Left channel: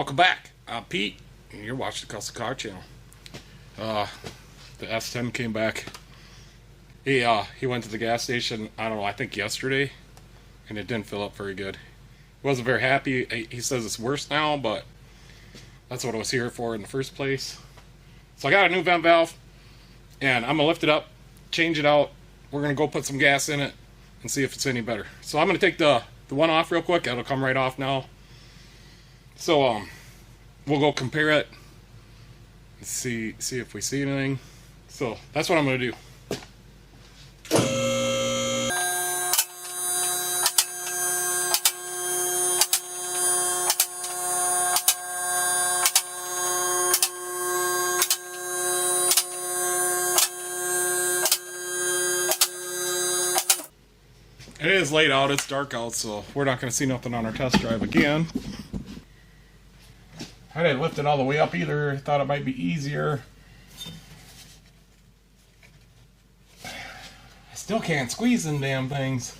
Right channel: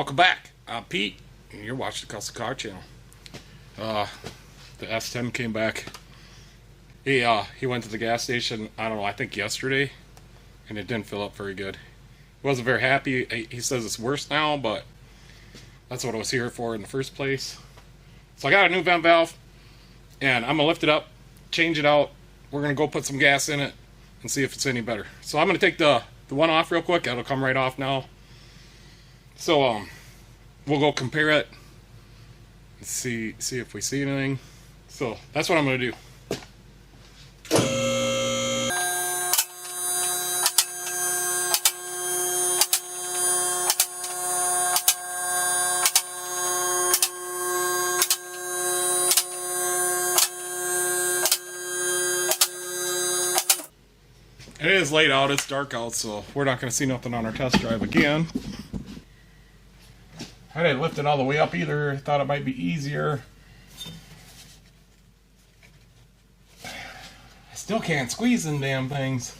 Welcome back. I'm Pete, and you're watching the Custom Car Channel. The S-10 came back. He went to the gas station, I don't know, I think yesterday, and it didn't fill up very good. He wasn't very happy. He says it's worse now, but that's what I was here for in the first place. So I got a new vent valve, and I'm going to lift it up, change it out. We're going to go put some gas in it and see if it's any better. So I'm going to take the one off real quick. It'll come right off now. So we'll go compare it and see if we see anything. So that's what I'm going to do. It is late out, it's dark out, so we're not going to see nothing on our test drive again. I didn't lift it all the way up either. I thought it might be easier. I still can't squeeze them damn things.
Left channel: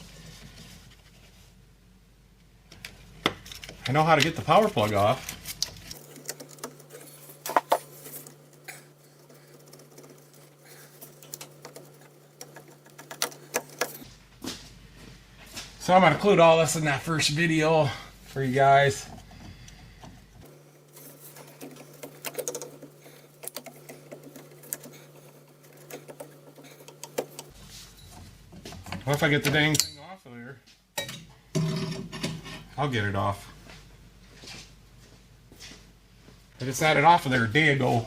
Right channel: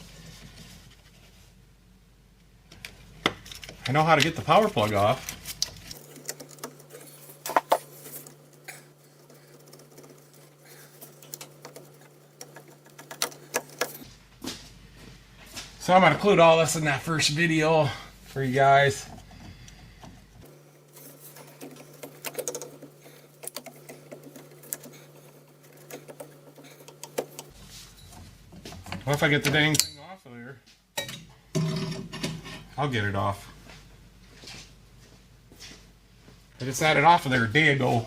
I know how to get the power plug off. So I'm going to include all this in that first video for you guys. What if I get the dang thing off of there? I'll get it off. I just had it off of there a day ago.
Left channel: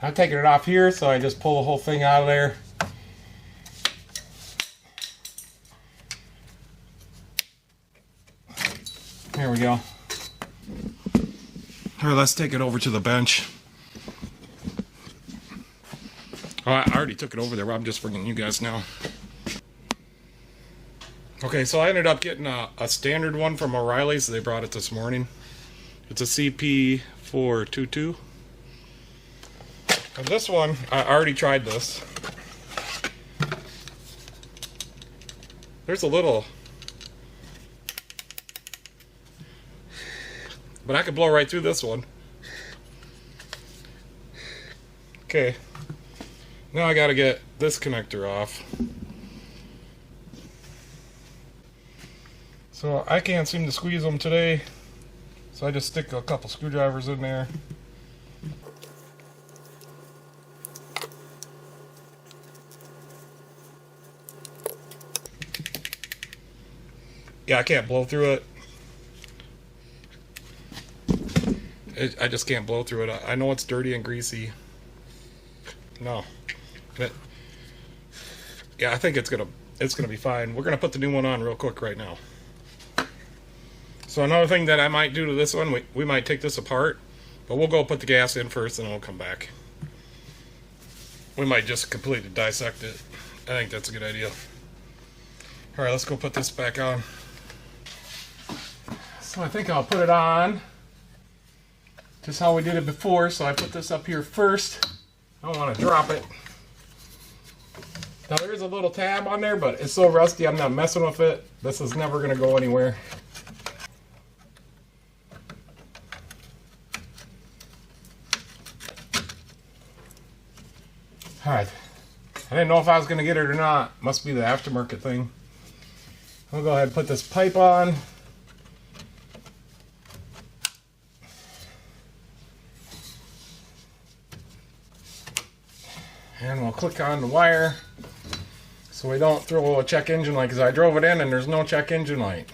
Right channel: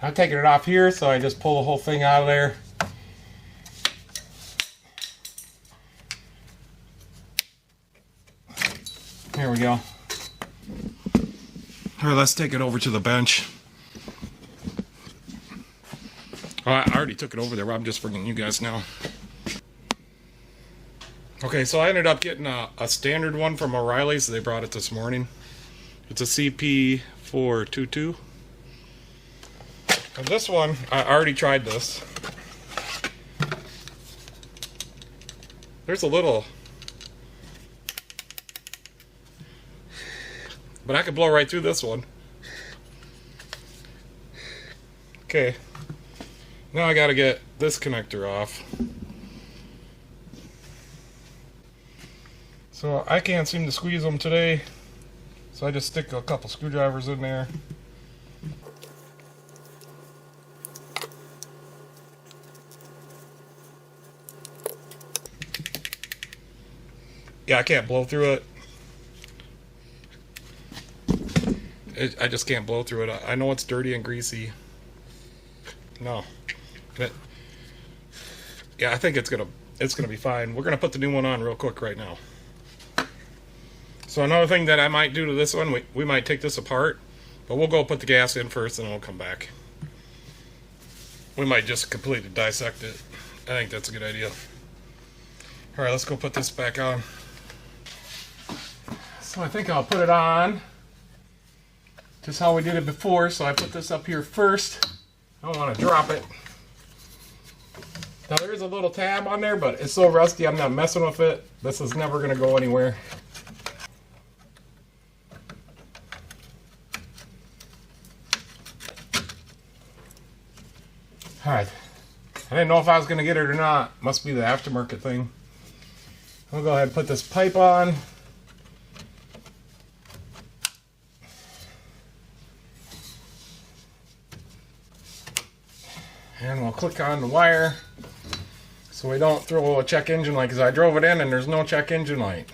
I'm taking it off here, so I just pull the whole thing out of there. There we go. All right, let's take it over to the bench. Oh, I already took it over there, but I'm just bringing you guys now. Okay, so I ended up getting a standard one from O'Reilly's. They brought it this morning. It's a CP422. And this one, I already tried this. There's a little, but I could blow right through this one. Okay. Now I gotta get this connector off. So I can't seem to squeeze them today. So I just stick a couple screwdrivers in there. Yeah, I can't blow through it. I just can't blow through it. I know it's dirty and greasy. No. But yeah, I think it's gonna be fine. We're gonna put the new one on real quick right now. So another thing that I might do to this one, we might take this apart, but we'll go put the gas in first and then we'll come back. We might just completely dissect it. I think that's a good idea. Alright, let's go put this back on. So I think I'll put it on just how we did it before. So I put this up here first. I don't want to drop it. Now there is a little tab on there, but it's so rusty I'm not messing with it. This is never going to go anywhere. Alright. I didn't know if I was going to get it or not. Must be the aftermarket thing. I'll go ahead and put this pipe on. And we'll click on the wire so we don't throw a check engine light, because I drove it in and there's no check engine light.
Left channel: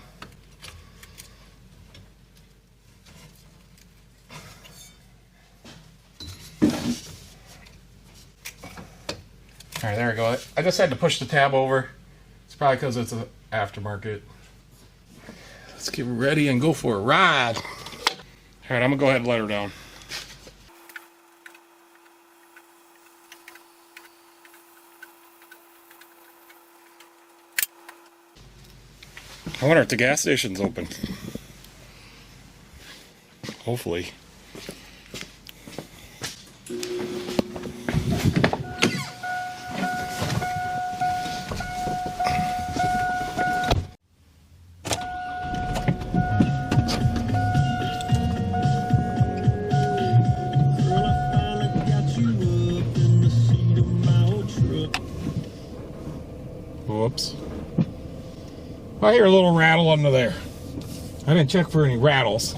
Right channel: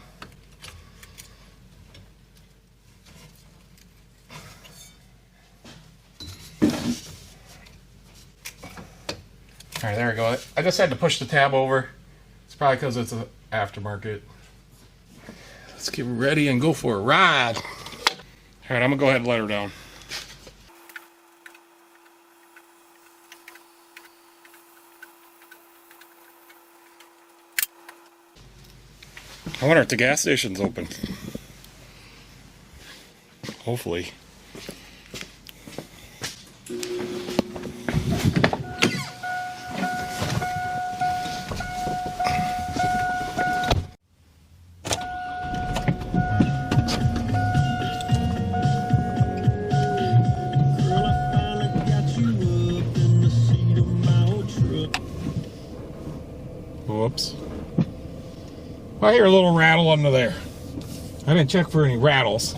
Alright, there we go. I just had to push the tab over. It's probably because it's an aftermarket. Let's get ready and go for a ride. Alright, I'm going to go ahead and let her down. I wonder if the gas station's open. Hopefully. Whoops. I hear a little rattle under there. I didn't check for any rattles.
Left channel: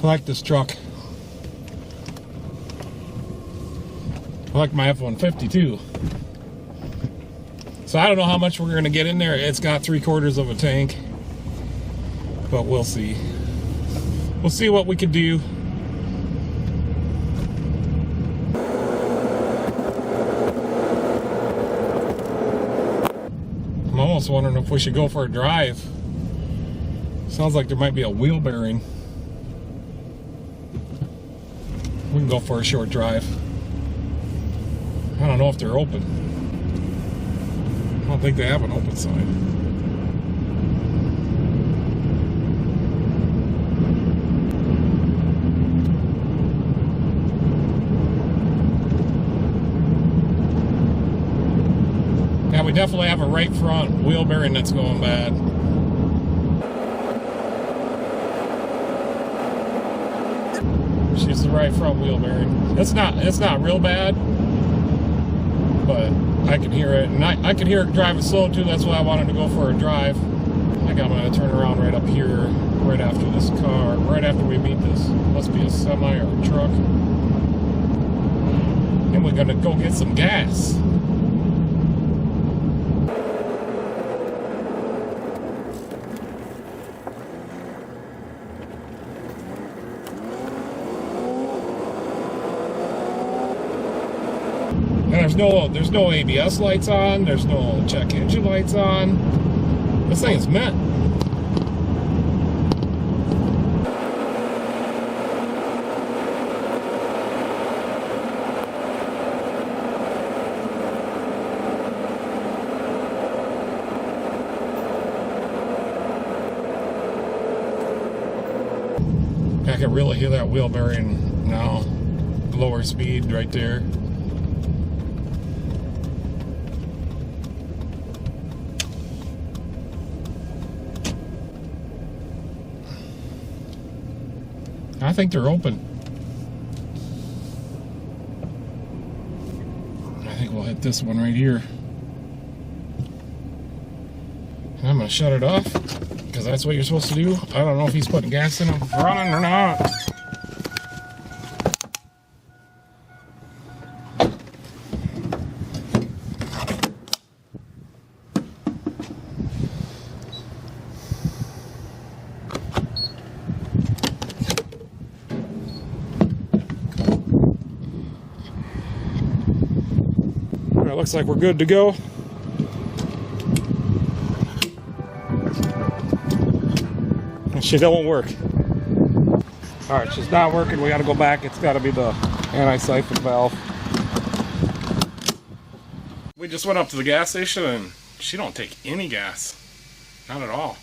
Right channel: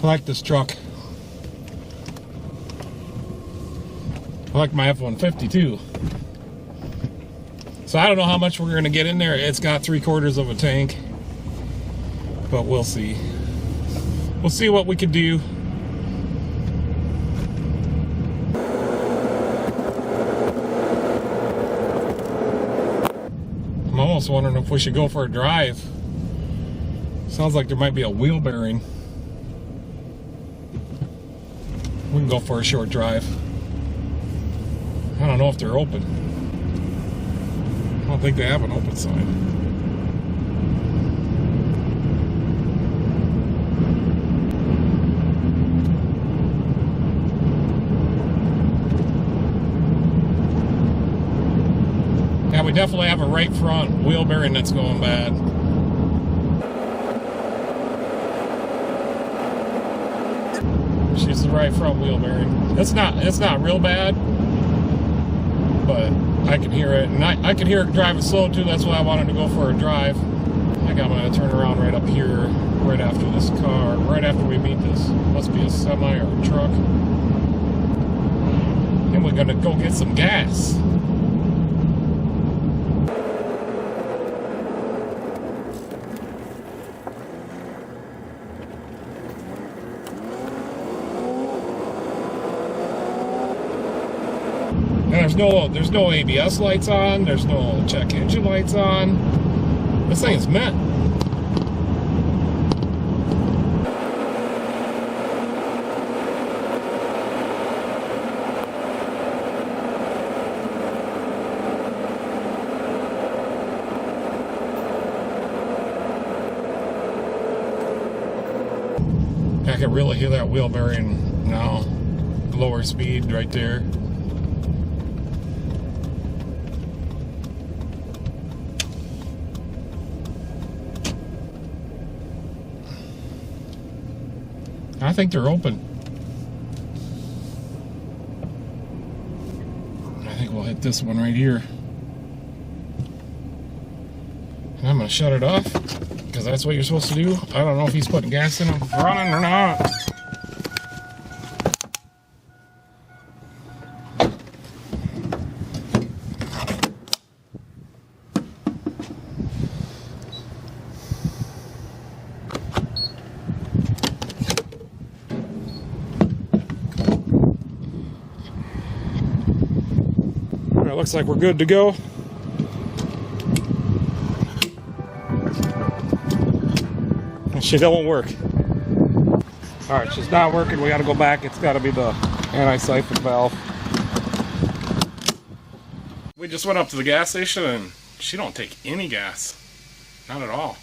I like this truck. I like my F-150 too. So I don't know how much we're going to get in there. It's got 3/4 of a tank. But we'll see. We'll see what we can do. I'm almost wondering if we should go for a drive. Sounds like there might be a wheel bearing. We can go for a short drive. I don't know if they're open. I don't think they have an open sign. Yeah, we definitely have a right front wheel bearing that's going bad. She's the right front wheel bearing. It's not real bad, but I can hear it, and I can hear it driving slow too. That's why I wanted to go for a drive. I think I'm gonna turn around right up here, right after this car, right after we meet this. Must be a semi or a truck. And we're gonna go get some gas. And there's no ABS lights on, there's no check engine lights on. This thing's meant. I can really hear that wheel bearing now. Lower speed right there. I think they're open. I think we'll hit this one right here. I'm going to shut it off, because that's what you're supposed to do. I don't know if he's putting gas in them running or not. It looks like we're good to go. Oh, shit, that won't work. Alright, she's not working. We gotta go back. It's gotta be the anti-siphon valve. We just went up to the gas station and she don't take any gas. Not at all.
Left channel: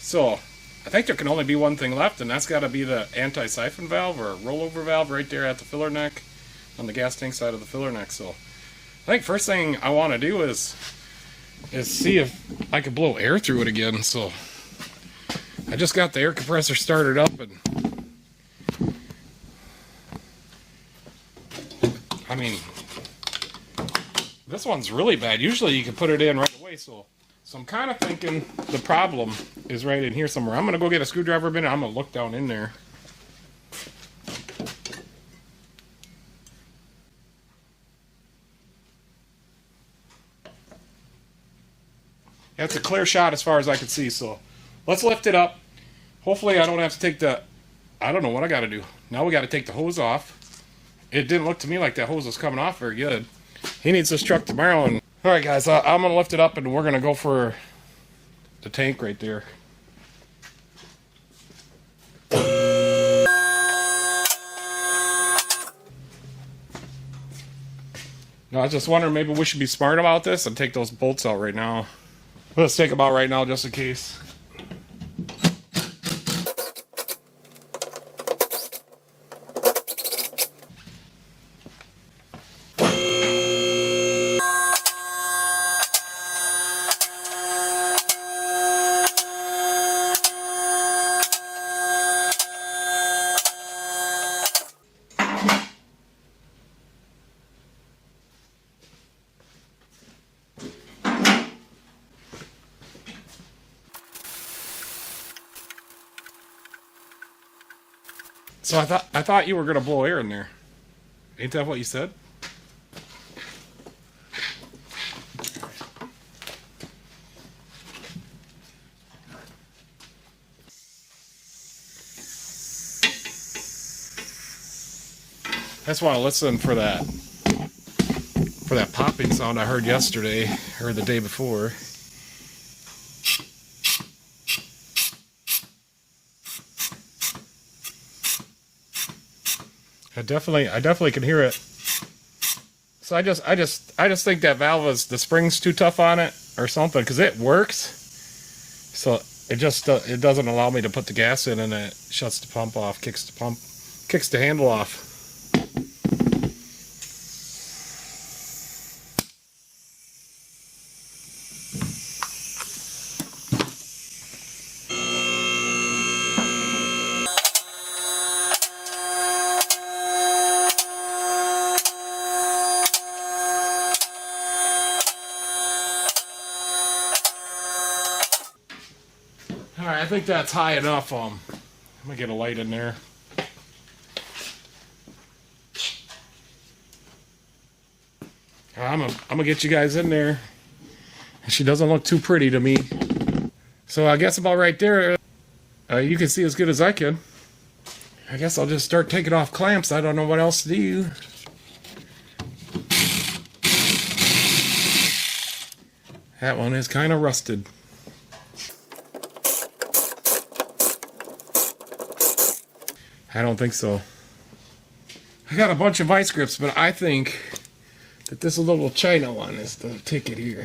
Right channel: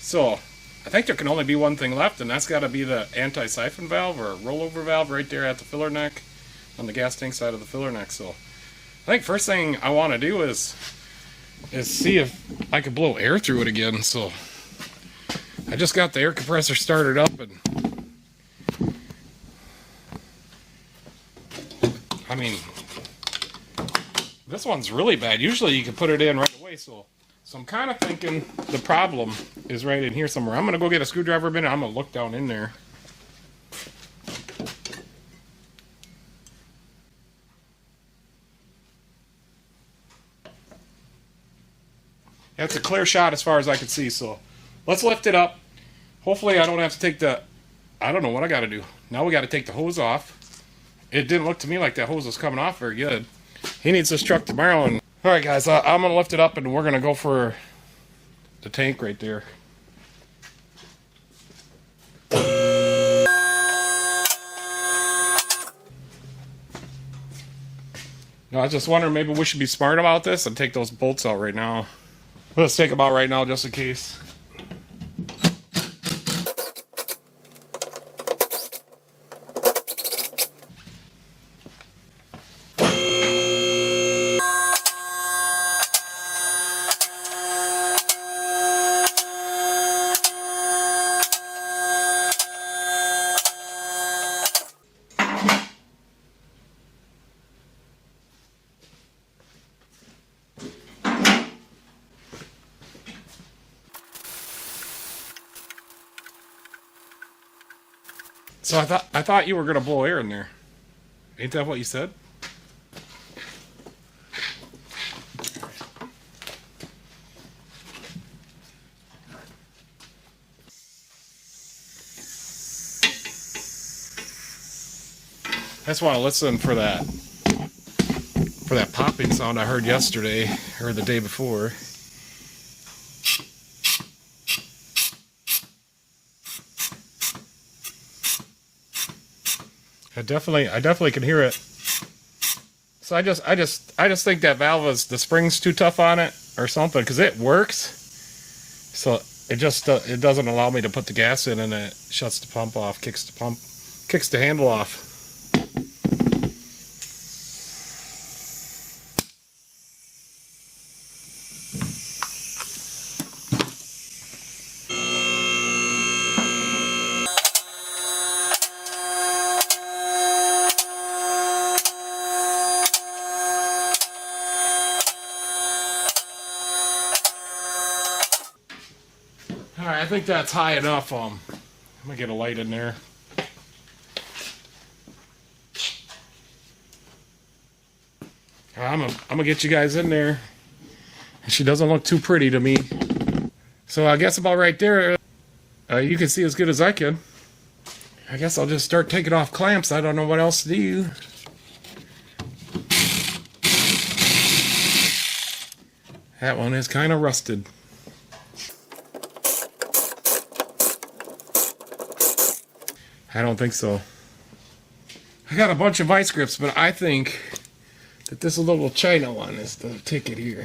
So, I think there can only be one thing left, and that's gotta be the anti-siphon valve or rollover valve right there at the filler neck, on the gas tank side of the filler neck. So, I think first thing I want to do is see if I can blow air through it again. So I just got the air compressor started up, and I mean, this one's really bad. Usually you can put it in right away. So I'm kind of thinking the problem is right in here somewhere. I'm going to go get a screwdriver bin and I'm going to look down in there. That's a clear shot as far as I can see, so let's lift it up. Hopefully I don't have to take I don't know what I got to do. Now we got to take the hose off. It didn't look to me like that hose was coming off very good. He needs this truck tomorrow. And alright guys, I'm going to lift it up and we're going to go for the tank right there. Now, I was just wondering, maybe we should be smart about this and take those bolts out right now. Let's take them out right now just in case. So I thought you were gonna blow air in there. Ain't that what you said? That's why I listened for that popping sound I heard yesterday or the day before. I definitely can hear it. So I just think that valve is, the spring's too tough on it or something, because it works. So it doesn't allow me to put the gas in, and it shuts the pump off, kicks the handle off. Alright, I think that's high enough. I'm gonna get a light in there. I'm gonna get you guys in there. She doesn't look too pretty to me. So I guess about right there, you can see as good as I can. I guess I'll just start taking off clamps. I don't know what else to do. That one is kind of rusted. I don't think so. I got a bunch of vice grips, but I think that this little China one is the ticket here.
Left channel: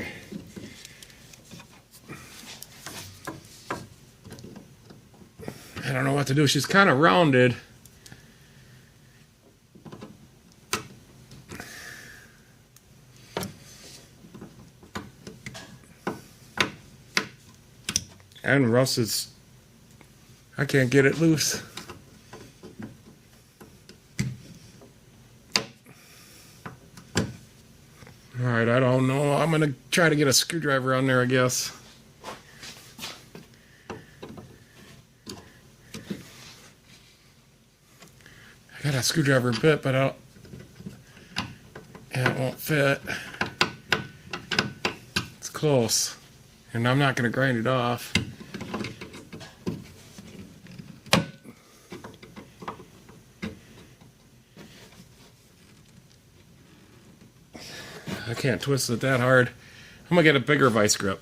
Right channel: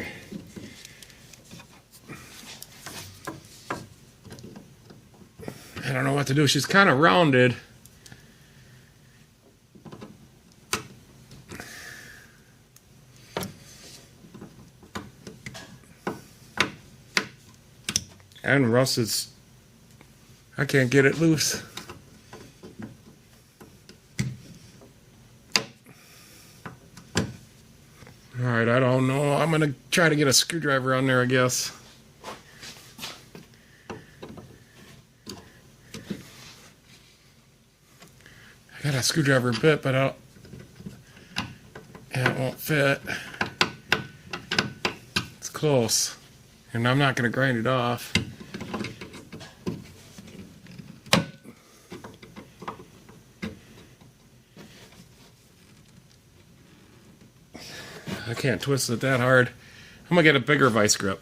I don't know what to do. She's kind of rounded. And Russ is... I can't get it loose. Alright, I don't know. I'm going to try to get a screwdriver on there, I guess. I got a screwdriver bit, but it won't fit. It's close. And I'm not going to grind it off. I can't twist it that hard. I'm going to get a bigger vice grip.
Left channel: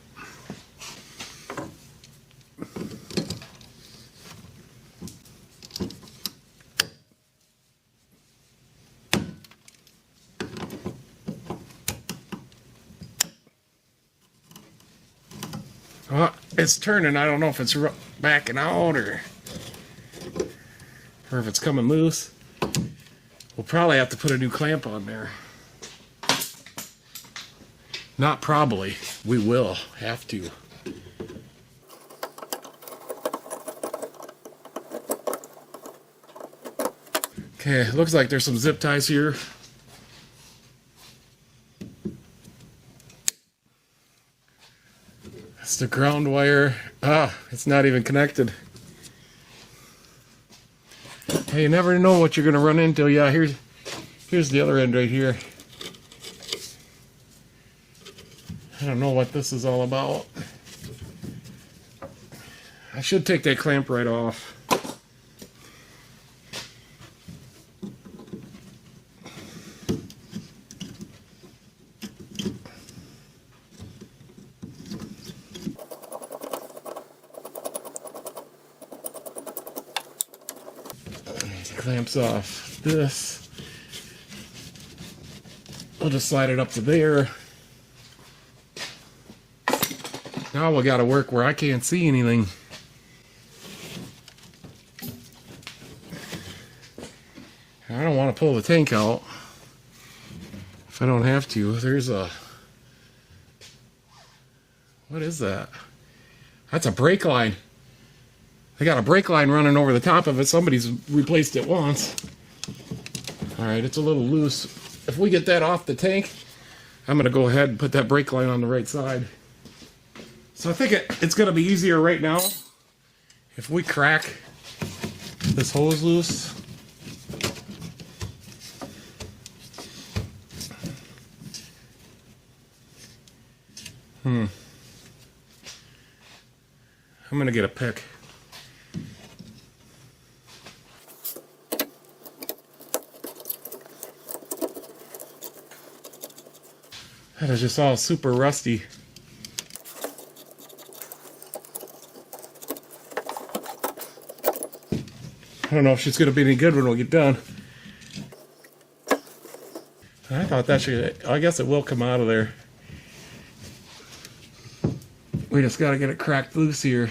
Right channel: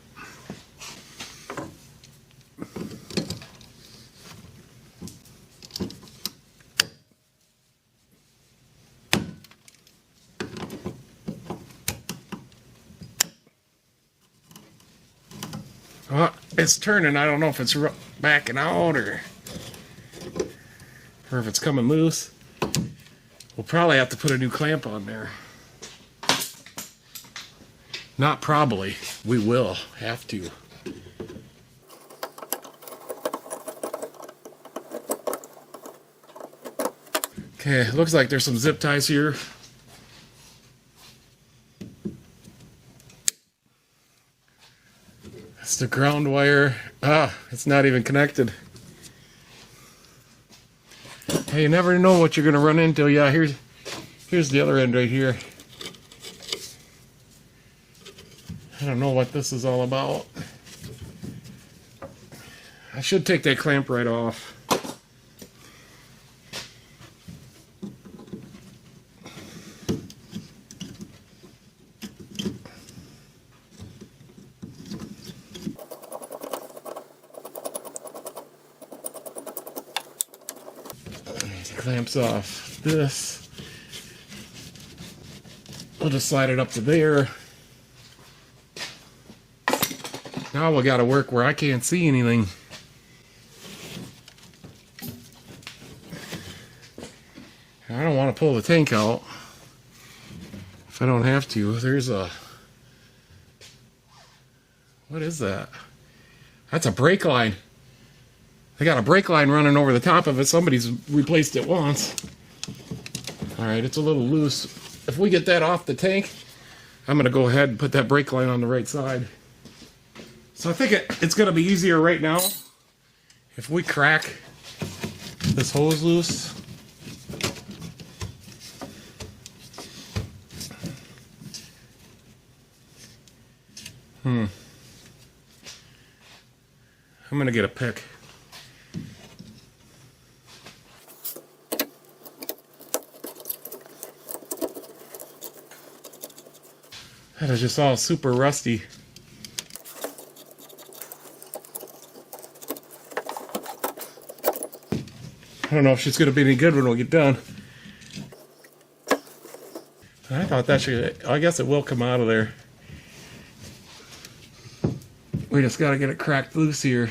Oh, it's turning. I don't know if it's backing out or if it's coming loose. We'll probably have to put a new clamp on there. Not probably. We will have to. Okay, looks like there's some zip ties here. That's the ground wire. Ah, it's not even connected. Hey, you never know what you're going to run into. Yeah, here's the other end right here. I don't know what this is all about. I should take that clamp right off. Clamps off this. I'll just slide it up to there. Now we got to work where I can't see anything. I don't want to pull the tank out if I don't have to. There's a... What is that? That's a brake line. I got a brake line running over the top of it. Somebody's replaced it once. Alright, it's a little loose. If we get that off the tank, I'm going to go ahead and put that brake line on the right side. So I think it's going to be easier right now if we crack this hose loose. I'm gonna get a pick. That is just all super rusty. I don't know if she's gonna be any good when we get done. I thought that should, I guess it will come out of there. We just gotta get it cracked loose here.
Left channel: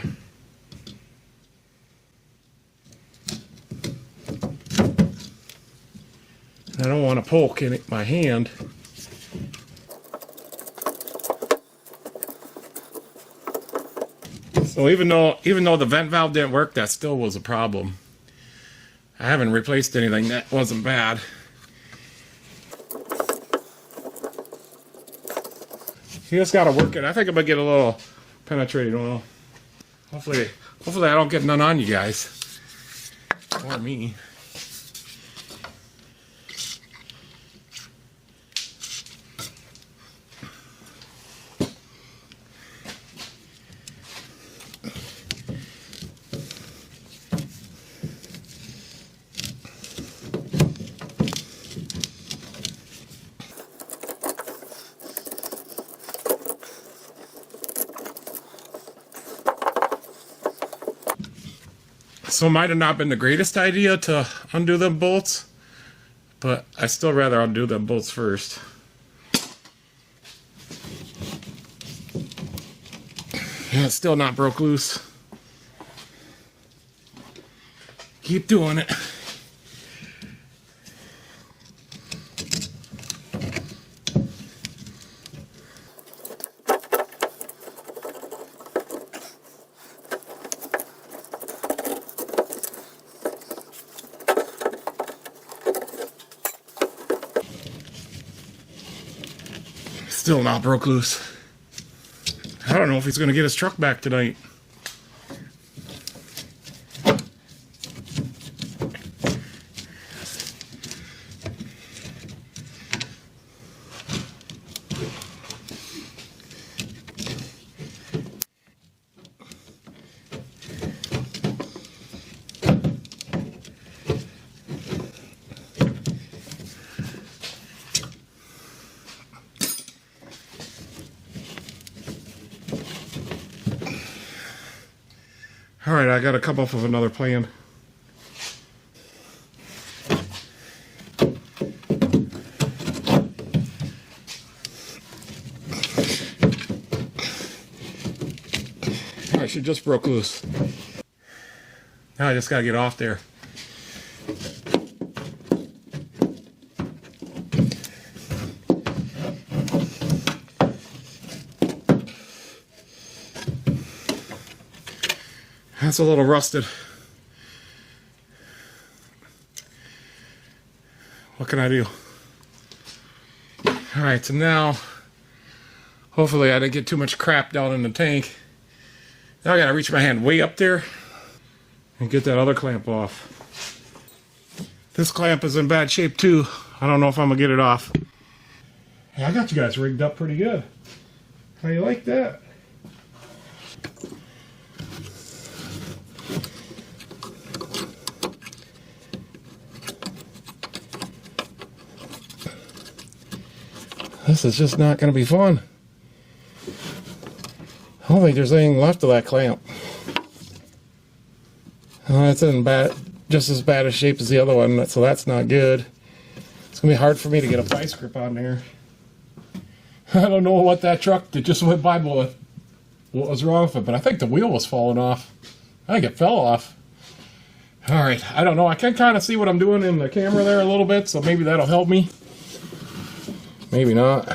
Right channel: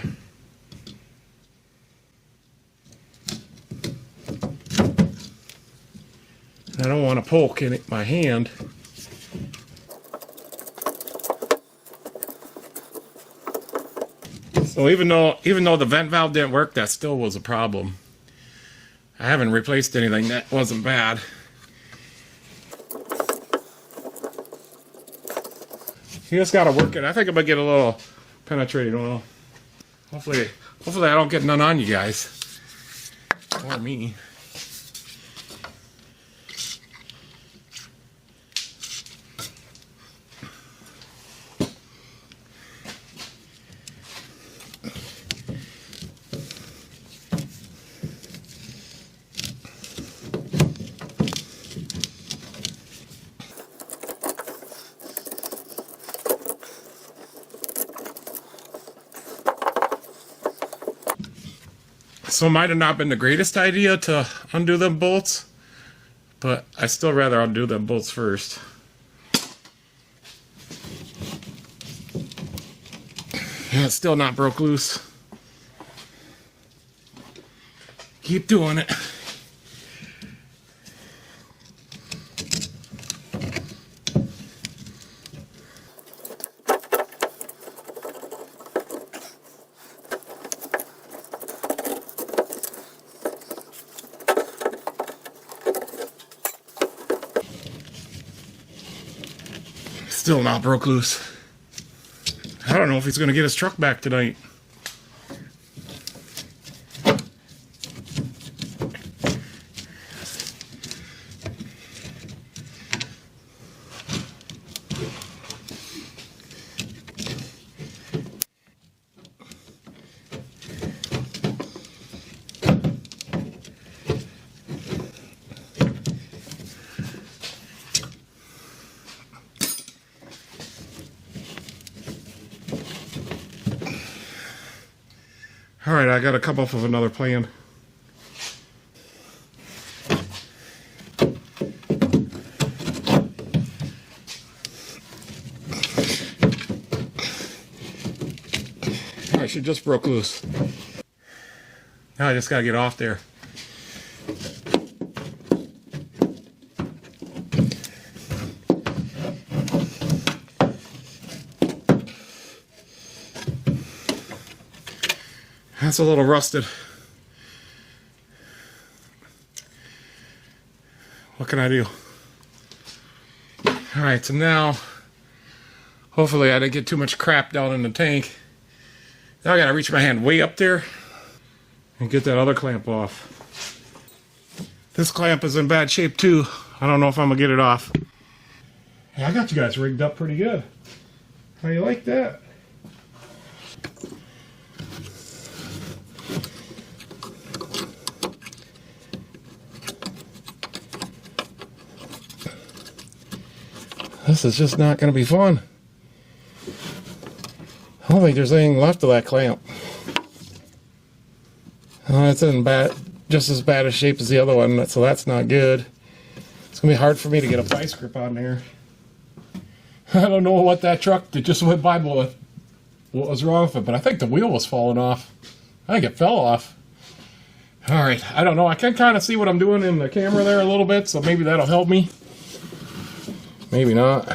I don't want to poke in my hand. So even though the vent valve didn't work, that still was a problem. I haven't replaced anything that wasn't bad. You just gotta work it. I think I'm gonna get a little penetrating oil. Hopefully I don't get none on you guys. Or me. So it might have not been the greatest idea to undo them bolts, but I still rather undo them bolts first. And it's still not broke loose. Keep doing it. Still not broke loose. I don't know if he's going to get his truck back tonight. Alright, I gotta come up with another plan. I should just broke loose. Now I just gotta get off there. That's a little rusted. What can I do? Alright, so now, hopefully I didn't get too much crap down in the tank. Now I gotta reach my hand way up there and get that other clamp off. This clamp is in bad shape too. I don't know if I'm gonna get it off. I got you guys rigged up pretty good. How you like that? This is just not going to be fun. I don't think there's anything left of that clamp. It's in bad, just as bad a shape as the other one, so that's not good. It's going to be hard for me to get a vice grip on there. I don't know what that truck that just went by what was wrong with it, but I think the wheel was falling off. I think it fell off. Alright, I don't know. I can kind of see what I'm doing in the camera there a little bit, so maybe that'll help me. Maybe not.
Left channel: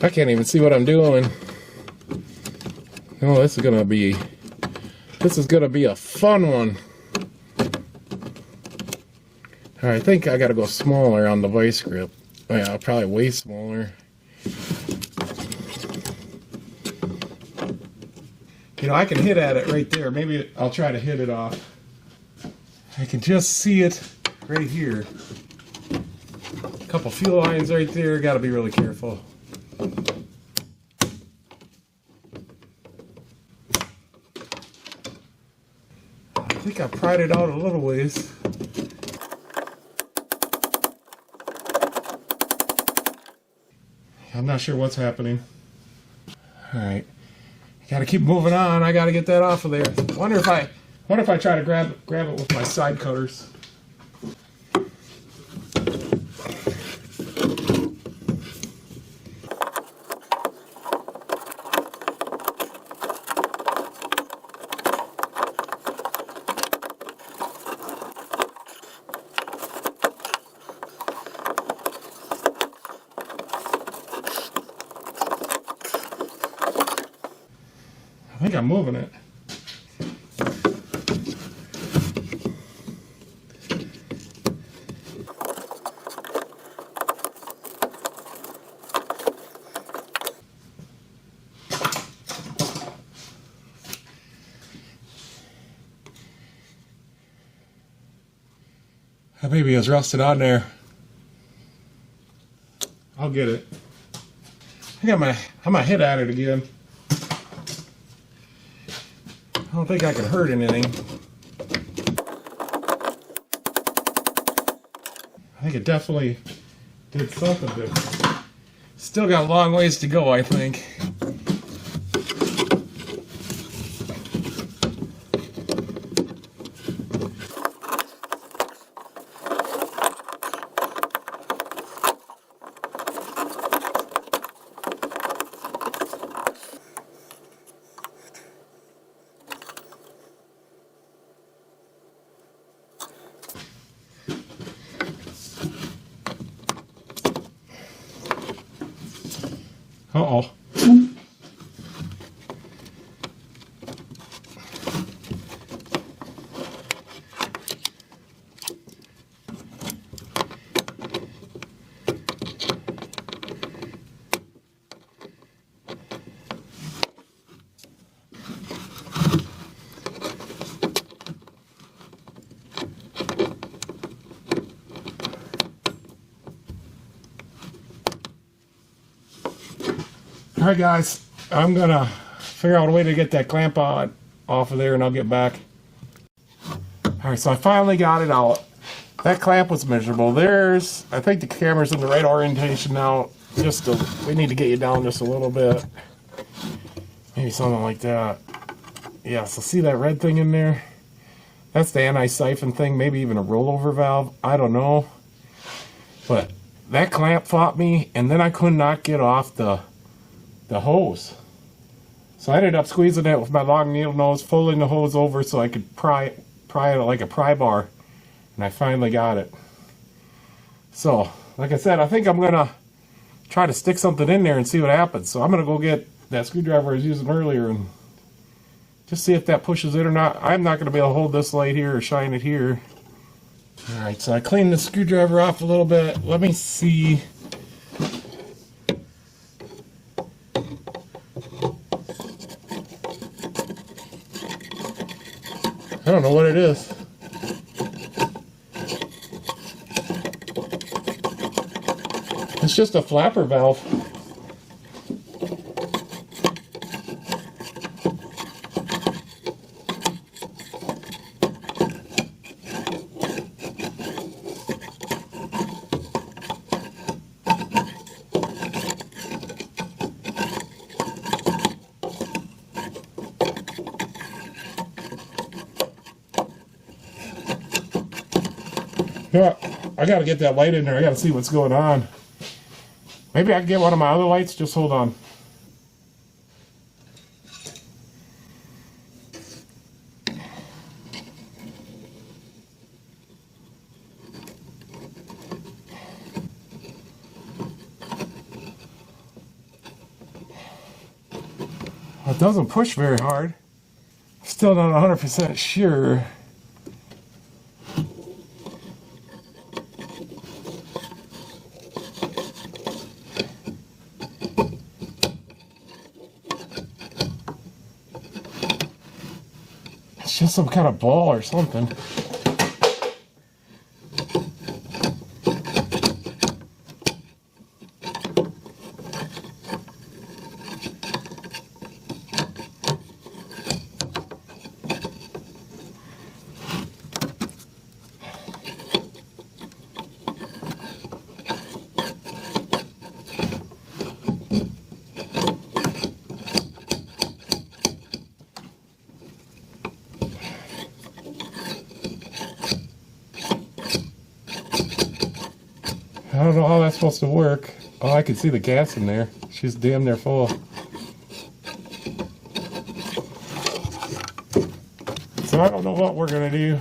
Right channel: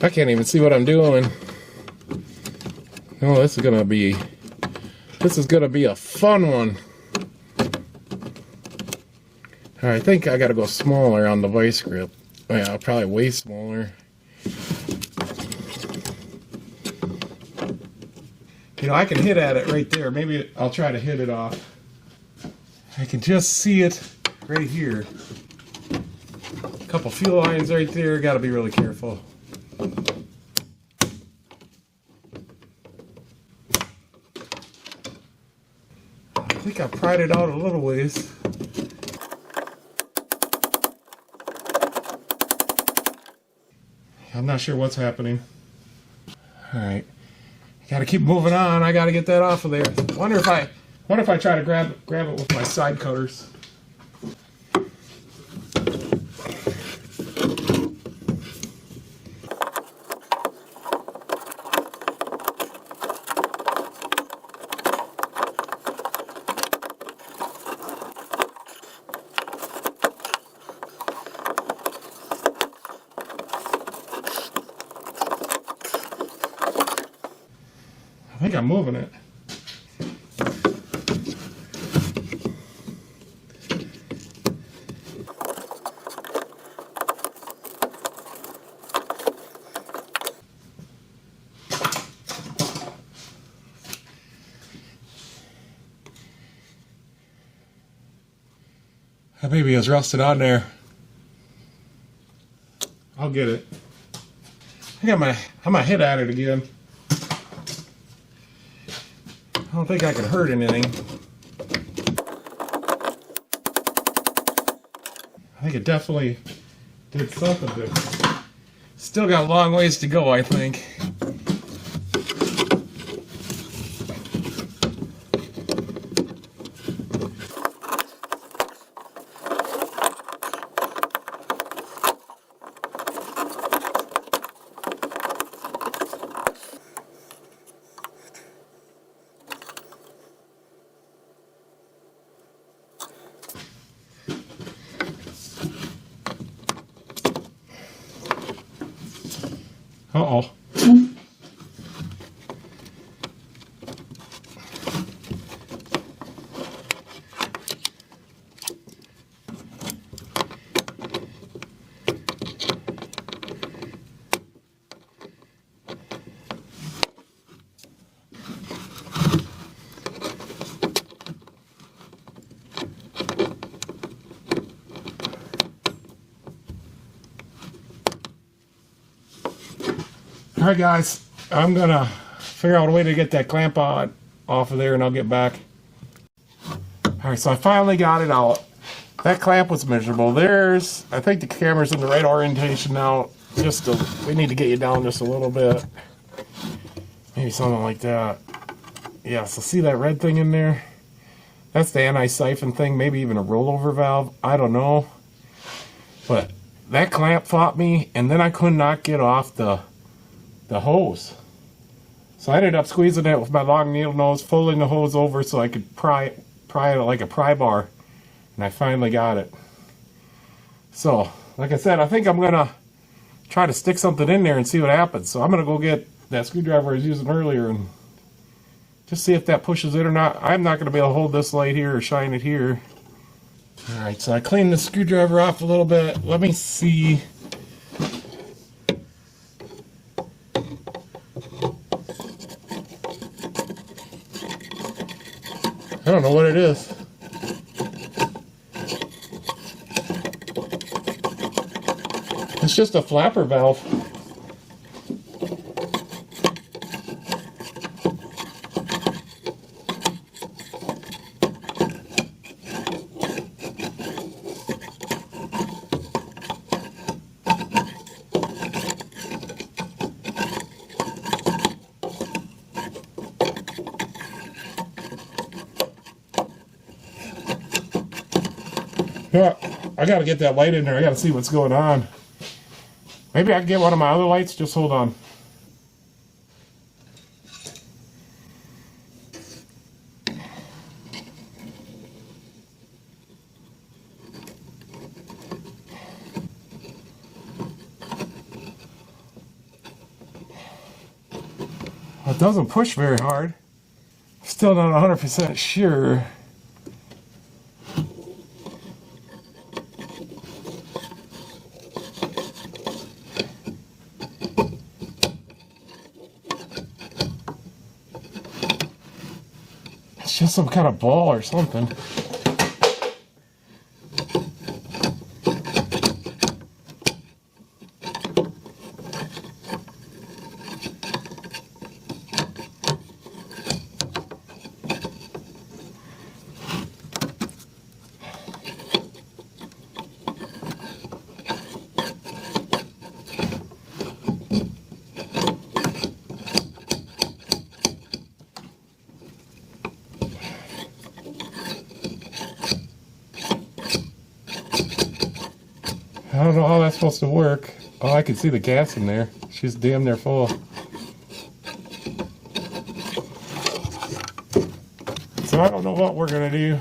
I can't even see what I'm doing. Oh, this is gonna be a fun one. I think I gotta go smaller on the vice grip. Yeah, probably way smaller. You know, I can hit at it right there. Maybe I'll try to hit it off. I can just see it right here. A couple fuel lines right there. Got to be really careful. I think I pried it out a little ways. I'm not sure what's happening. Alright. Gotta keep moving on. I gotta get that off of there. Wonder if I try to grab it with my side cutters. I think I'm moving it. That baby is rusted on there. I'll get it. I'm gonna hit at it again. I don't think I could hurt anything. I think it definitely did something different. Still got a long ways to go, I think. Uh-oh. Alright guys, I'm gonna figure out a way to get that clamp off of there and I'll get back. Alright, so I finally got it out. That clamp was miserable. I think the camera's in the right orientation now. We need to get you down just a little bit. Maybe something like that. Yeah, so see that red thing in there? That's the anti-siphon thing, maybe even a rollover valve. I don't know. But that clamp fought me, and then I could not get off the hose. So I ended up squeezing it with my long needle nose, folding the hose over so I could pry it like a pry bar. And I finally got it. So, like I said, I think I'm going to try to stick something in there and see what happens. So I'm going to go get that screwdriver I was using earlier and just see if that pushes it or not. I'm not going to be able to hold this light here or shine it here. Alright, so I cleaned the screwdriver off a little bit. Let me see. I don't know what it is. It's just a flapper valve. Yeah, I gotta get that light in there. I gotta see what's going on. Maybe I can get one of my other lights. Just hold on. It doesn't push very hard. Still not 100% sure. It's just some kind of ball or something. I don't know how that's supposed to work. Oh, I can see the gas in there. She's damn near full. So I don't know what we're going to do.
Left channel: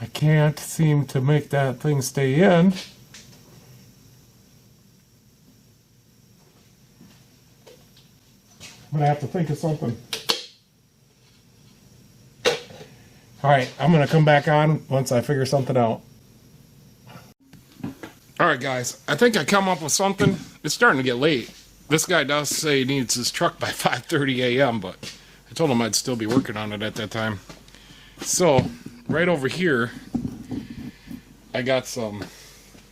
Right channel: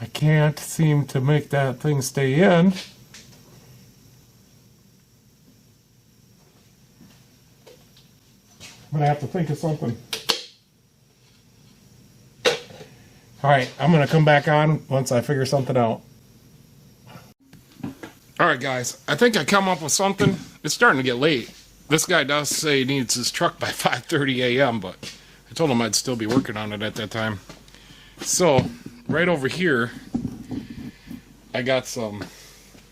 I can't seem to make that thing stay in. I'm going to have to think of something. Alright, I'm going to come back on once I figure something out. Alright guys, I think I come up with something. It's starting to get late. This guy does say he needs his truck by 5:30 a.m., but I told him I'd still be working on it at that time. So, right over here, I got some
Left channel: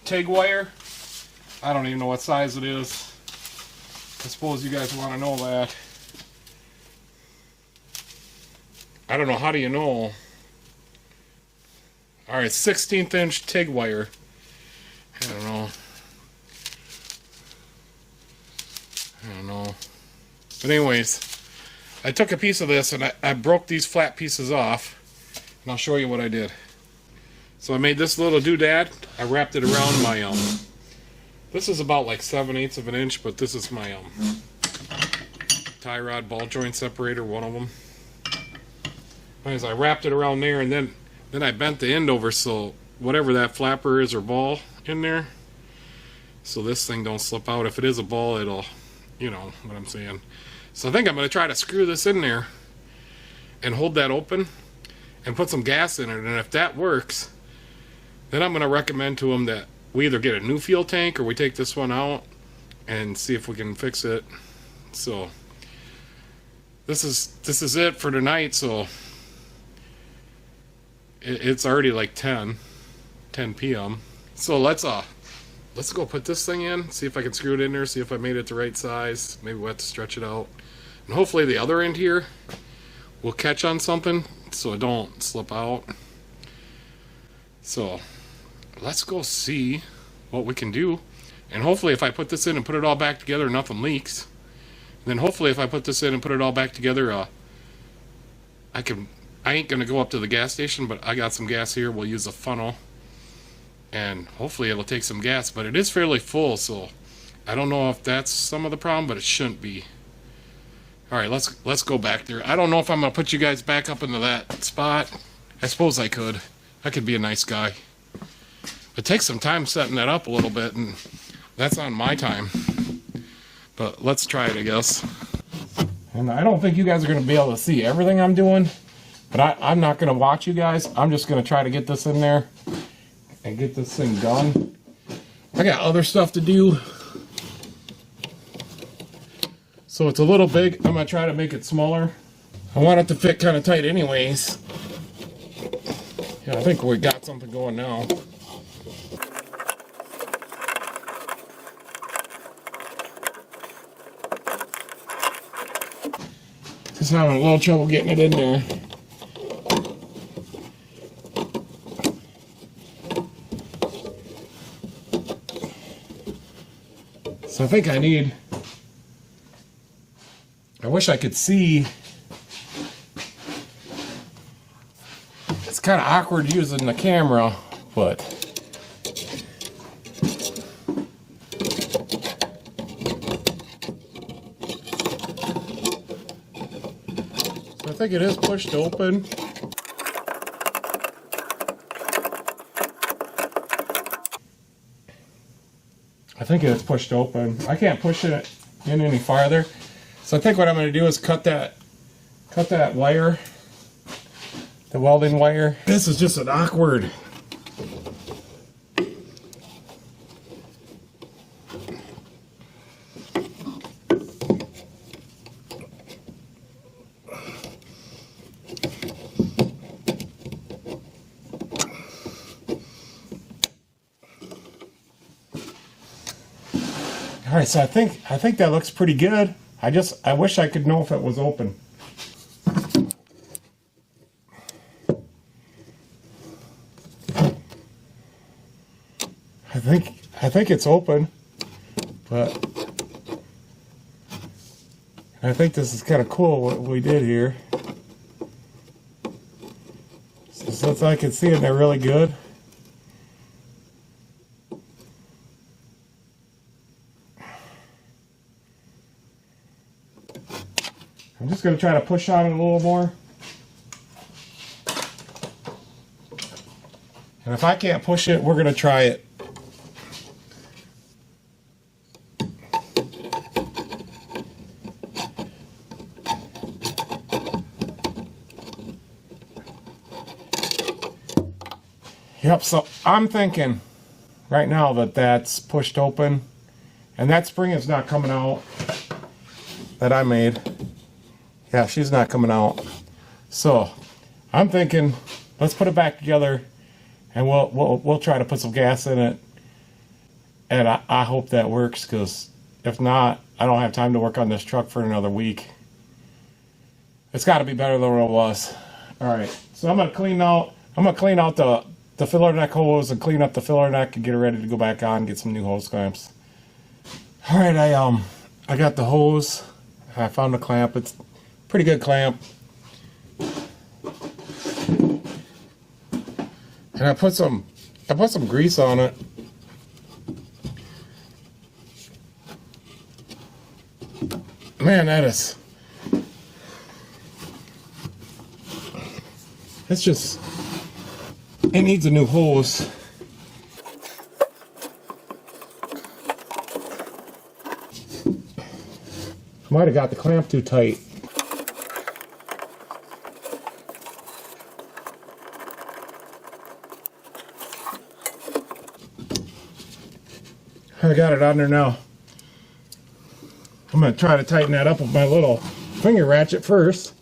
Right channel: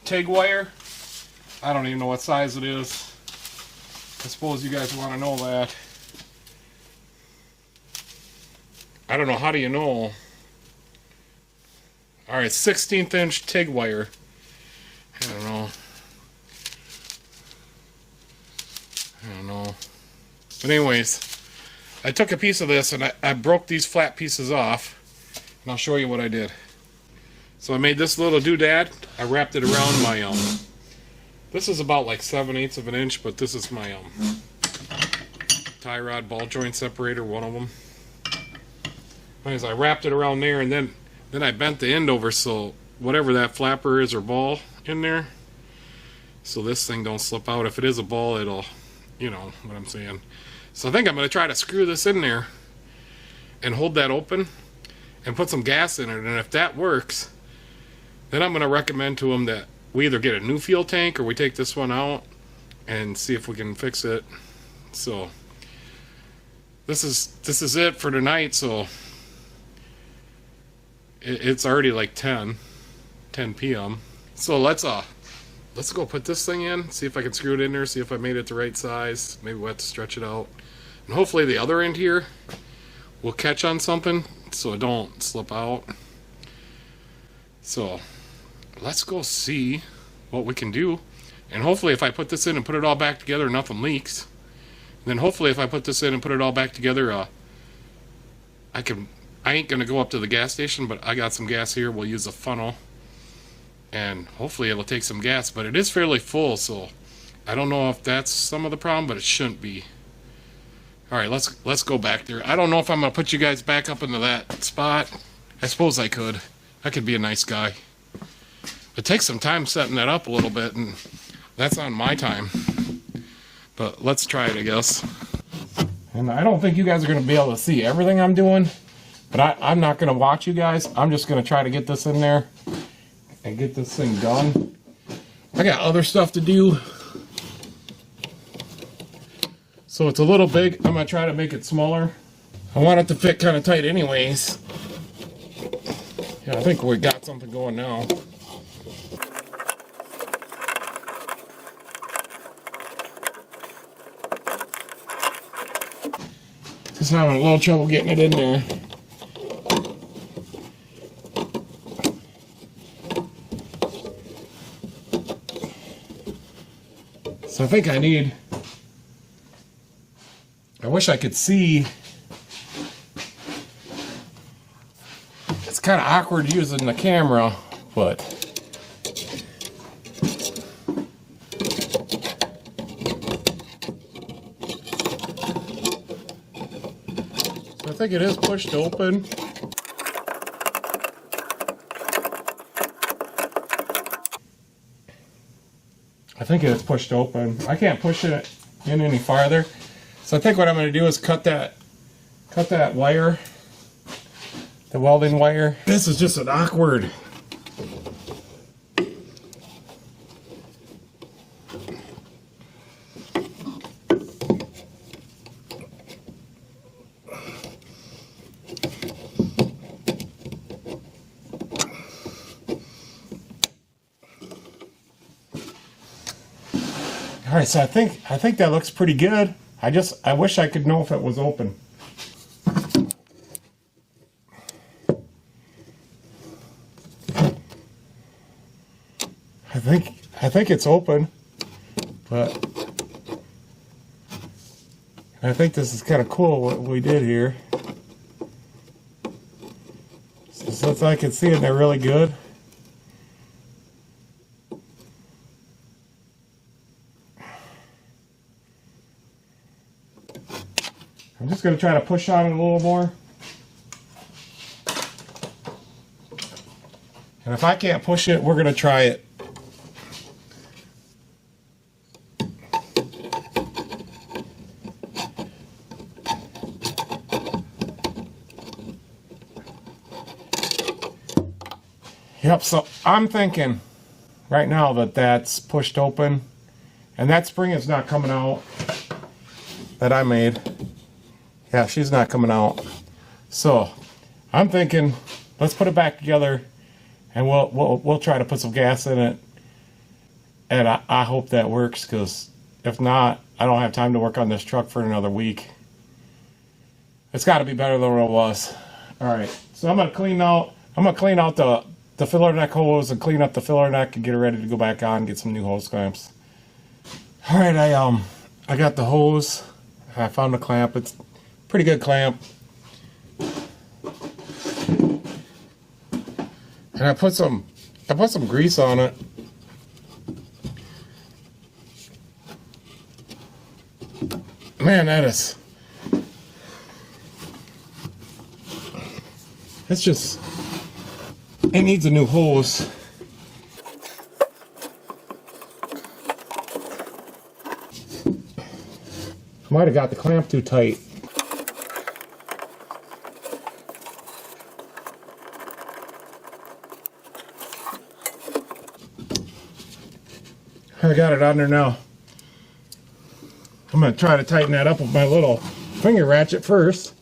TIG wire. I don't even know what size it is. I suppose you guys want to know that. I don't know, how do you know? Alright, 16th inch TIG wire. I don't know. But anyways, I took a piece of this and I broke these flat pieces off. And I'll show you what I did. So I made this little doodad. I wrapped it around my, this is about like 7/8 of an inch, but this is my, tie rod ball joint separator, one of them. Anyways, I wrapped it around there, and then I bent the end over so whatever that flapper is or ball in there, so this thing don't slip out. If it is a ball, it'll, you know what I'm saying. So I think I'm going to try to screw this in there and hold that open and put some gas in it, and if that works, then I'm going to recommend to them that we either get a new fuel tank or we take this one out and see if we can fix it. So this is it for tonight. So it's already like 10 p.m. So let's go put this thing in, see if I can screw it in there, see if I made it the right size. Maybe we'll have to stretch it out. And hopefully the other end here will catch on something so it don't slip out. So let's go see what we can do. And hopefully if I put this in and put it all back together, nothing leaks. And then hopefully if I put this in and put it all back together, I ain't going to go up to the gas station, but I got some gas here. We'll use a funnel. And hopefully it'll take some gas, but it is fairly full, so I don't know if that's some of the problem, but it shouldn't be. Alright, let's go back there. I don't know if I'm going to put you guys back up into that spot. I suppose I could. I could be a nice guy. It takes some time setting that up a little bit, and that's on my time. But let's try it, I guess. And I don't think you guys are going to be able to see everything I'm doing, but I'm not going to watch you guys. I'm just going to try to get this in there and get this thing done. I got other stuff to do. So it's a little big. I'm going to try to make it smaller. I want it to fit kind of tight anyways. Yeah, I think we got something going now. Just having a little trouble getting it in there. So I think I wish I could see. It's kind of awkward using the camera, but so I think it is pushed open. I think it's pushed open. I can't push it in any farther. So I think what I'm going to do is cut that wire, the welding wire. This is just an awkward. All right, so I think that looks pretty good. I wish I could know if it was open. I think it's open, but I think this is kind of cool what we did here. So since I can see it, they're really good. going to try to push on it a little more. And if I can't push it, we're going to try it. Yep, so I'm thinking right now that that's pushed open. And that spring is not coming out that I made. Yeah, she's not coming out. So I'm thinking, let's put it back together, and we'll try to put some gas in it. And I hope that works, because if not, I don't have time to work on this truck for another week. It's got to be better than what it was. All right, so I'm gonna clean out the filler neck hose and clean up the filler neck and get it ready to go back on and get some new hose clamps. All right, I got the hose. I found the clamp. It's a pretty good clamp. And I put some grease on it. Man, it needs a new hose. Might have got the clamp too tight. I got it on there now. I'm going to try to tighten that up with my little finger ratchet first.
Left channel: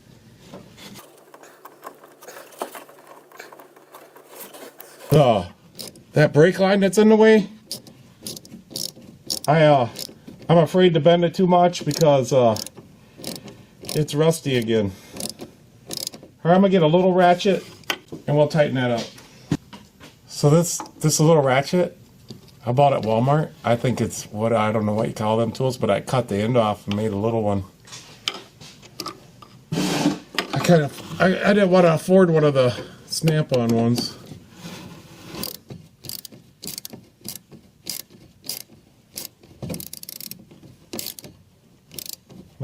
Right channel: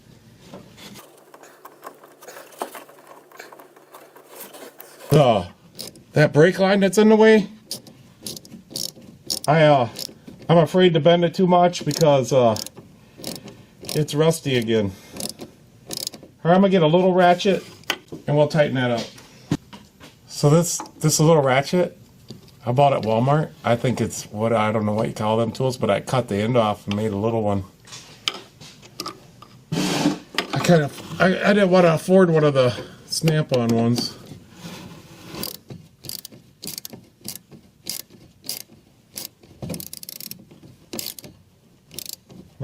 That brake line that's in the way, I'm afraid to bend it too much because it's rusty again. All right, I'm gonna get a little ratchet and we'll tighten that up. So this little ratchet I bought at Walmart. I think it's I don't know what you call them tools, but I cut the end off and made a little one. I didn't want to afford one of the snap-on ones.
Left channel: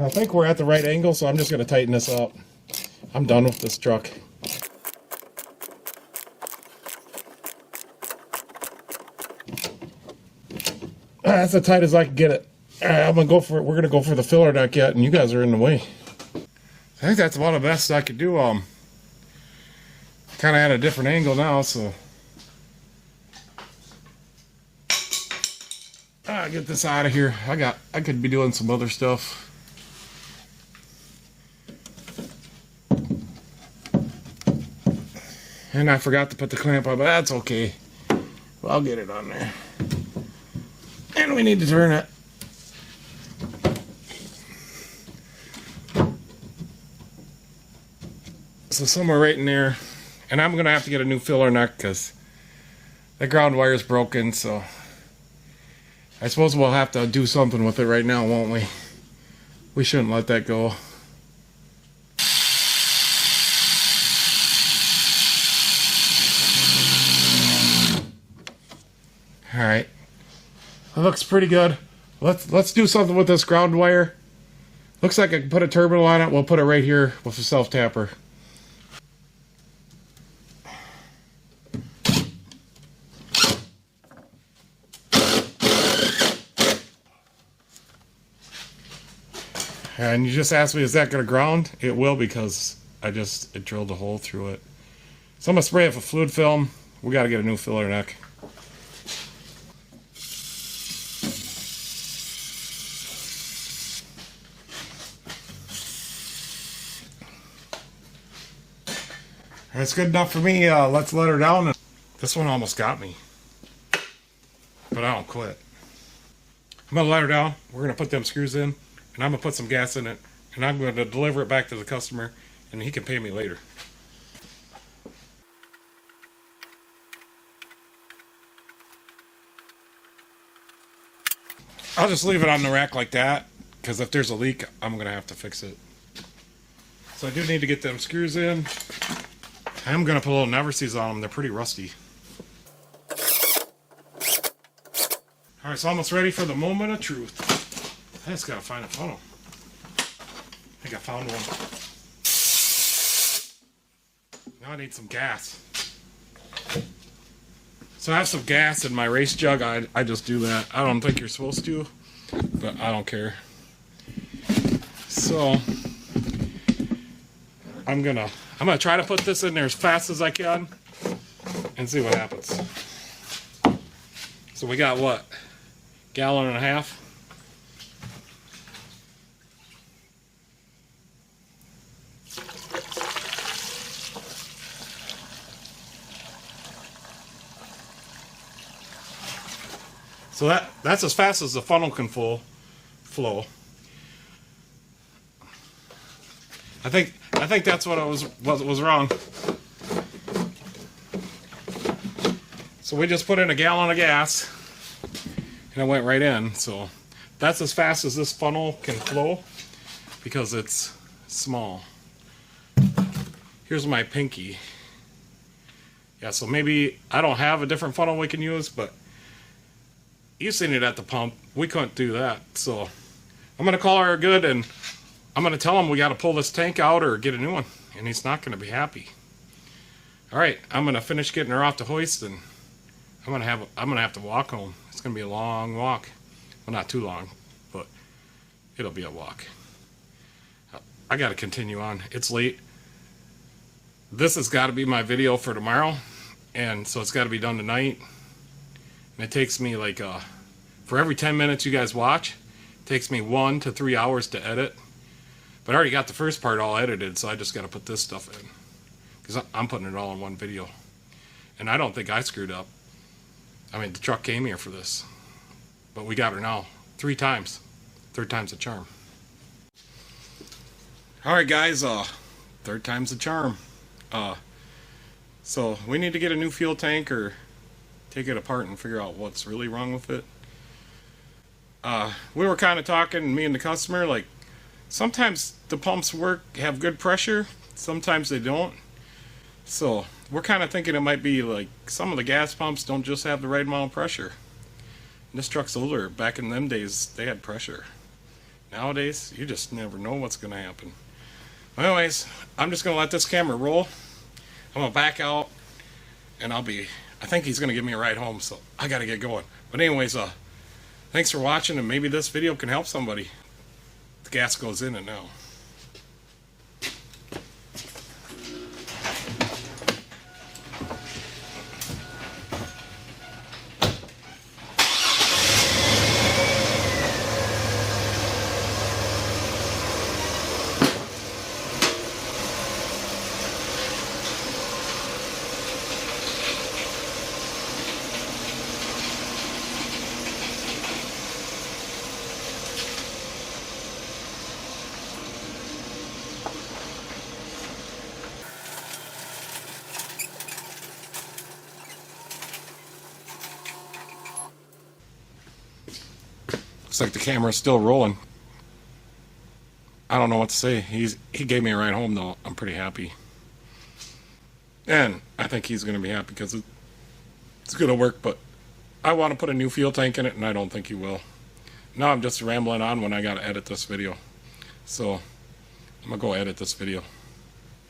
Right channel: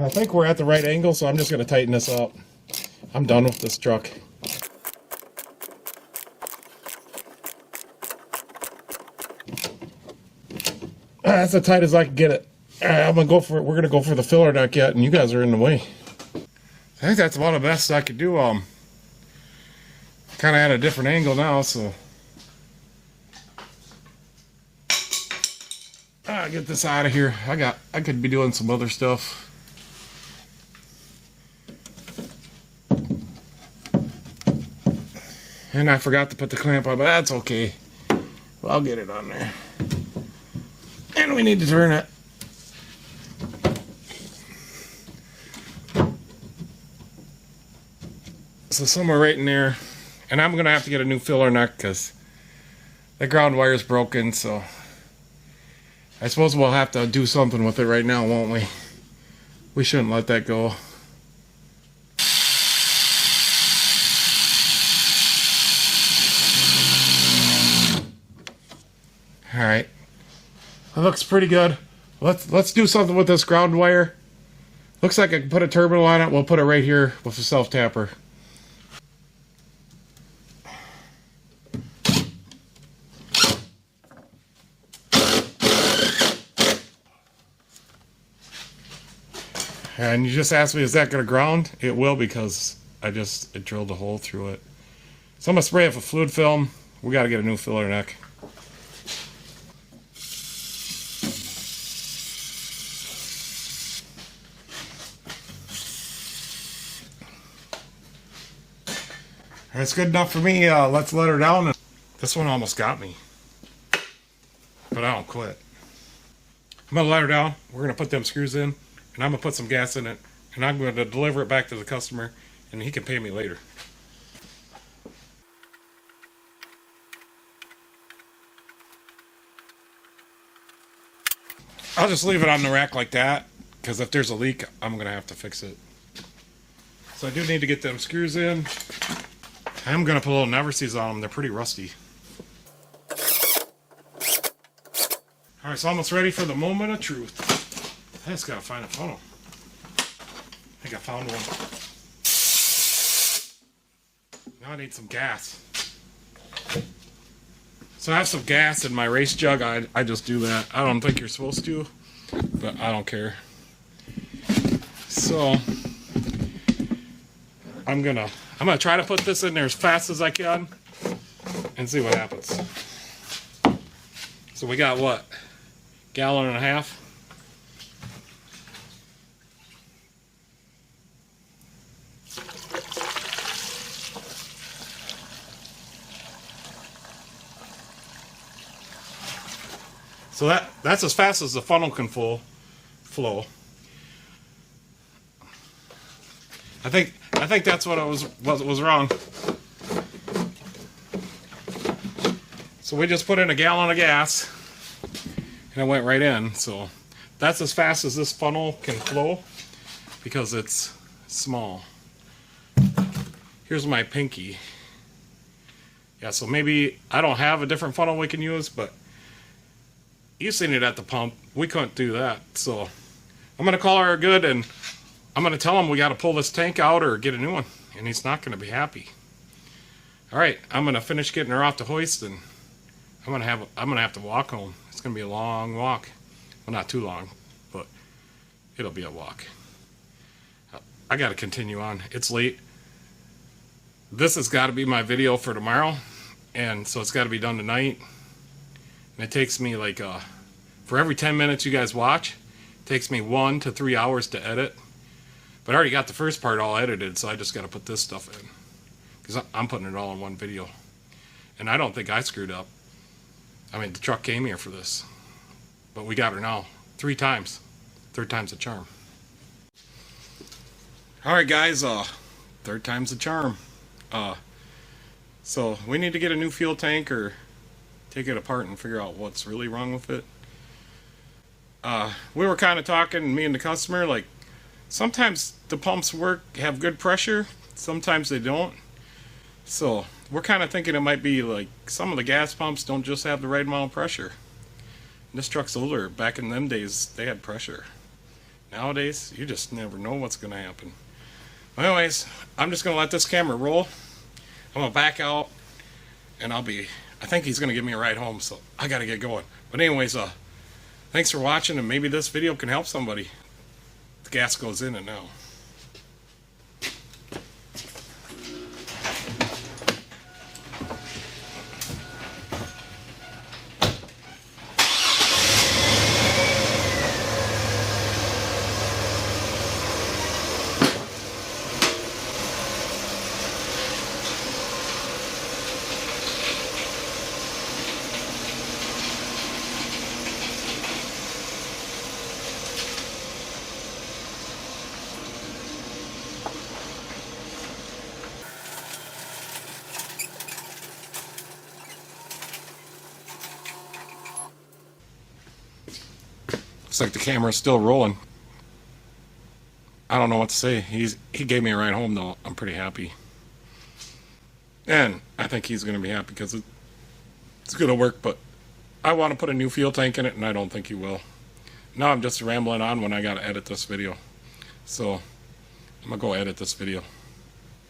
I think we're at the right angle, so I'm just going to tighten this up. I'm done with this truck. That's as tight as I can get it. We're going to go for the filler neck yet, and you guys are in the way. I think that's about the best I could do. Kind of at a different angle now, so get this out of here. I could be doing some other stuff. And I forgot to put the clamp on, but that's okay. Well, I'll get it on there. And we need to turn it. So somewhere right in there. And I'm going to have to get a new filler neck because the ground wire is broken, so I suppose we'll have to do something with it right now, won't we? We shouldn't let that go. Alright. That looks pretty good. Let's do something with this ground wire. Looks like I can put a terminal on it. We'll put it right here with a self-tapper. And you just asked me, is that going to ground? It will, because it drilled a hole through it. So I'm going to spray it with fluid film. We got to get a new filler neck. That's good enough for me. Let's let her down. This one almost got me, but I don't quit. I'm going to let her down. We're going to put them screws in, and I'm going to put some gas in it, and I'm going to deliver it back to the customer, and he can pay me later. I'll just leave it on the rack like that, because if there's a leak, I'm going to have to fix it. So I do need to get them screws in. I'm going to put a little never sees on them. They're pretty rusty. Alright, so almost ready for the moment of truth. I just got to find a funnel. I think I found one. Now I need some gas. So I have some gas in my race jug. I just do that. I don't think you're supposed to, but I don't care. So I'm gonna try to put this in there as fast as I can and see what happens. So we got what? Gallon and a half. So that's as fast as the funnel can flow. I think that's what was wrong. So we just put in a gallon of gas and it went right in. So that's as fast as this funnel can flow because it's small. Here's my pinky. Yeah, so maybe I don't have a different funnel we can use, but you've seen it at the pump. We couldn't do that. So I'm going to call her good and I'm going to tell him we got to pull this tank out or get a new one. And he's not going to be happy. Alright, I'm going to finish getting her off the hoist and I'm going to have to walk home. It's going to be a long walk. Well, not too long, but it'll be a walk. I got to continue on. It's late. This has got to be my video for tomorrow. And so it's got to be done tonight. And it takes me like, for every 10 minutes you guys watch, it takes me 1 to 3 hours to edit. But I already got the first part all edited, so I just got to put this stuff in. Because I'm putting it all in one video. And I don't think I screwed up. I mean, the truck came here for this. But we got her now. 3 times. Third time's a charm. Alright guys, third time's a charm. So we need to get a new fuel tank or take it apart and figure out what's really wrong with it. We were kind of talking, me and the customer, like sometimes the pumps have good pressure, sometimes they don't. So we're kind of thinking it might be like some of the gas pumps don't just have the right amount of pressure. This truck's older. Back in them days, they had pressure. Nowadays, you just never know what's going to happen. Anyways, I'm just going to let this camera roll. I'm going to back out, and I think he's going to give me a ride home, so I got to get going. But anyways, thanks for watching, and maybe this video can help somebody. The gas goes in it now. Looks like the camera's still rolling. I don't know what to say. He gave me a ride home though. I'm pretty happy. And I think he's going to be happy because it's going to work, but I want to put a new fuel tank in it and I don't think he will. Now I'm just rambling on when I got to edit this video. So I'm going to go edit this video.